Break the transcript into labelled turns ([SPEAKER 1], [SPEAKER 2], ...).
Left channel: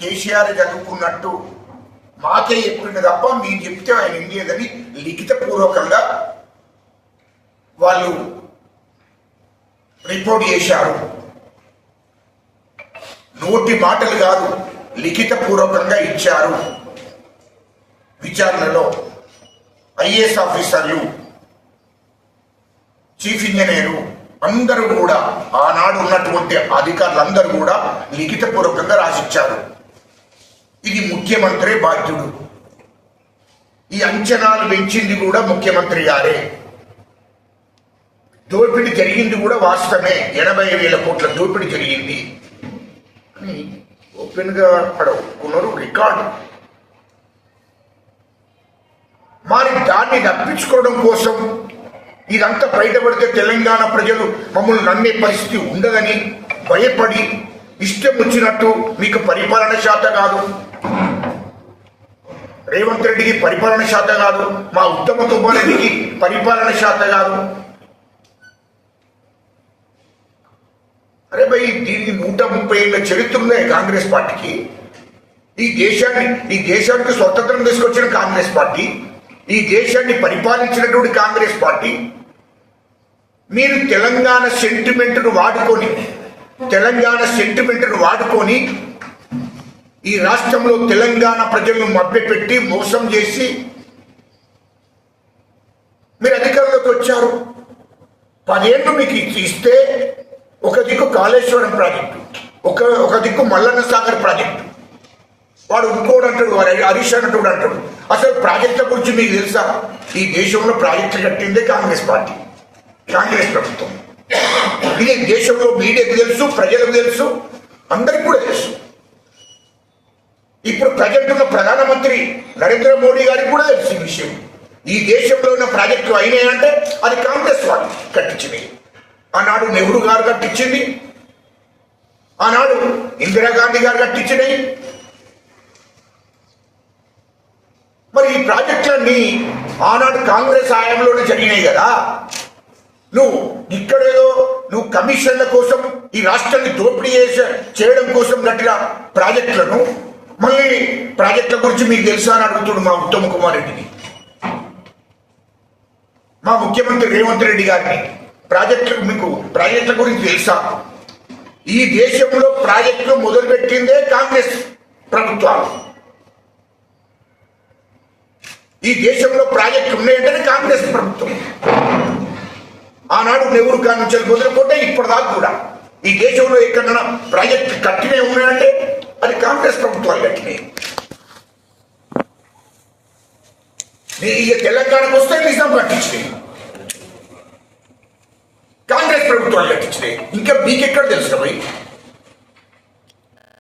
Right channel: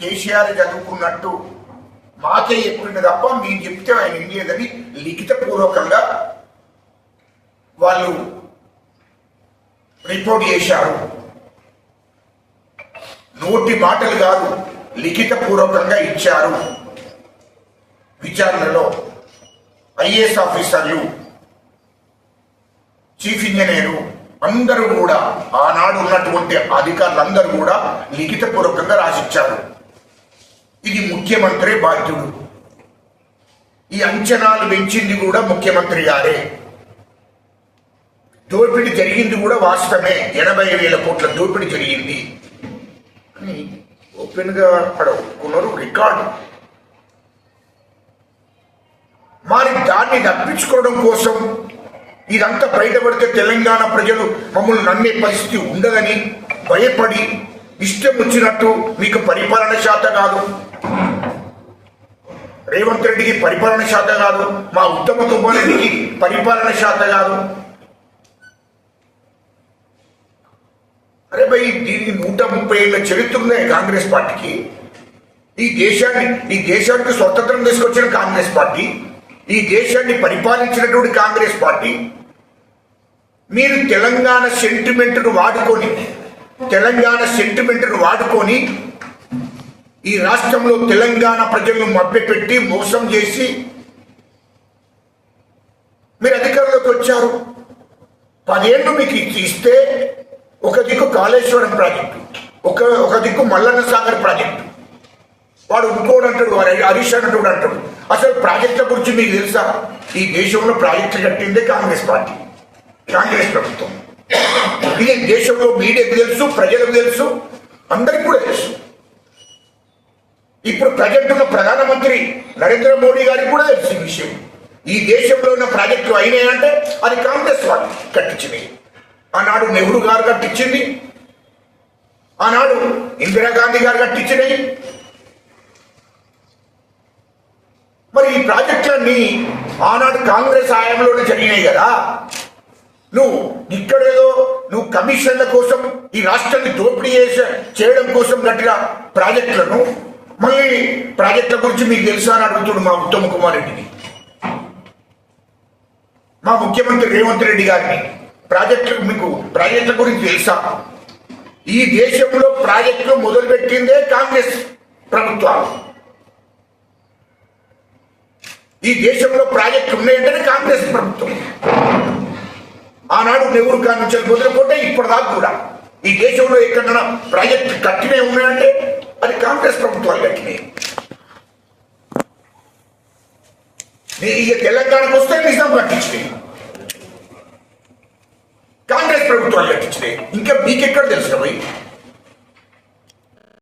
[SPEAKER 1] కేసీఆర్ చదువుకున్నట్టు మాకే చెప్పిండు తప్ప మీరు చెప్తే ఆయన ఏం లేదని లిఖిత పూర్వకంగా వాళ్ళు రిపోర్ట్ చేశారు. నోటి మాటలు కాదు లిఖిత పూర్వకంగా ఇచ్చారు విచారణలో ఐఏఎస్ ఆఫీసర్లు చీఫ్ ఇంజనీరు అందరూ కూడా ఆనాడు ఉన్నటువంటి అధికారులందరూ కూడా లిఖిత పూర్వకంగా రాసిచ్చారు. ఇది ముఖ్యమంత్రి బాధ్యుడు. ఈ అంచనాలు పెంచింది కూడా ముఖ్యమంత్రి గారే. దోపిడీ జరిగింది కూడా వాస్తవమే. ఎనభై వేల కోట్ల దోపిడీ జరిగింది. అని ఓపెన్గా అక్కడ ఒప్పుకున్నారు రికార్డు. మరి దాన్ని తప్పించుకోవడం కోసం ఇదంతా బయటపడితే తెలంగాణ ప్రజలు మమ్మల్ని నమ్మే పరిస్థితి ఉండదని భయపడి ఇష్టం వచ్చినట్టు మీకు పరిపాలన శాత కాదు. రేవంత్ రెడ్డికి పరిపాలన శాత కాదు. మా ఉత్తమ తుమ్మారెడ్డికి పరిపాలన శాత కాదు. అరే భయ్ దీనికి నూట ముప్పై ఏళ్ళ చరిత్ర ఉన్నాయి కాంగ్రెస్ పార్టీకి? ఈ దేశాన్ని ఈ దేశానికి స్వతంత్రం తీసుకొచ్చిన కాంగ్రెస్ పార్టీ ఈ దేశాన్ని పరిపాలించినటువంటి కాంగ్రెస్ పార్టీ మీరు తెలంగాణ సెంటిమెంట్ను వాడుకొని తెలంగాణ సెంటిమెంట్ను వాడుకొని ఈ రాష్ట్రంలో తెలంగాణ ప్రజలను మభ్యపెట్టి మోసం చేసి మీరు అధికారంలోకి వచ్చారు. పదేళ్ళు మీకు ఇస్తే ఒక దిక్కు కాళేశ్వరం ప్రాజెక్టు ఒక ఒక దిక్కు మల్లన్న సాగర్ ప్రాజెక్టు. వాడు ఇంకోడు అంటాడు వాడు హరీష్ అంటాడు అంటాడు. అసలు ప్రాజెక్టుల గురించి మీకు తెలుసా? ఈ దేశంలో ప్రాజెక్టులు కట్టిందే కాంగ్రెస్ పార్టీ కాంగ్రెస్ ప్రభుత్వం. ఇది దేశంలో తెలుసు ప్రజలకు తెలుసు అందరికి కూడా తెలుసు. ఇప్పుడు ప్రజెంట్ ఉన్న ప్రధానమంత్రి నరేంద్ర మోడీ గారికి కూడా తెలుసు ఈ విషయం. ఈ దేశంలో ఉన్న ప్రాజెక్టులు అయినాయంటే అది కాంగ్రెస్ వాళ్ళు కట్టించింది. ఆనాడు నెహ్రూ గారు కట్టించింది. ఆనాడు ఇందిరాగాంధీ గారు కట్టించినవి మరి ఈ ప్రాజెక్టులన్నీ ఆనాడు కాంగ్రెస్ హయాంలోనే జరిగినాయి కదా. నువ్వు ఇక్కడేదో నువ్వు కమిషన్ల కోసం ఈ రాష్ట్రాన్ని దోపిడీ చేసే చేయడం కోసం కట్టిన ప్రాజెక్టులను మళ్ళీ ప్రాజెక్టుల గురించి మీకు తెలుసా అని అడుగుతుడు మా ఉత్తమ్ కుమార్ రెడ్డిని. మా ముఖ్యమంత్రి రేవంత్ రెడ్డి గారిని. ప్రాజెక్టులు మీకు ప్రాజెక్టుల గురించి తెలుసా? ఈ దేశంలో ప్రాజెక్టులు మొదలుపెట్టిందే కాంగ్రెస్ ప్రభుత్వాలు. ఈ దేశంలో ప్రాజెక్టులు ఉన్నాయంటేనే కాంగ్రెస్ ప్రభుత్వం. ఆనాడు నెహ్రూ గారి నుంచి మొదలుకుంటే ఇప్పటిదాకా కూడా. ఈ దేశంలో ఎక్కడైనా ప్రాజెక్టు కట్టినే ఉన్నాయంటే అది కాంగ్రెస్ ప్రభుత్వాలు కట్టినాయి. ఇక తెలంగాణకు వస్తే నిజాం కట్టించినాయి. కాంగ్రెస్ ప్రభుత్వాలు కట్టించినాయి. ఇంకా మీకెక్కడ తెలుసు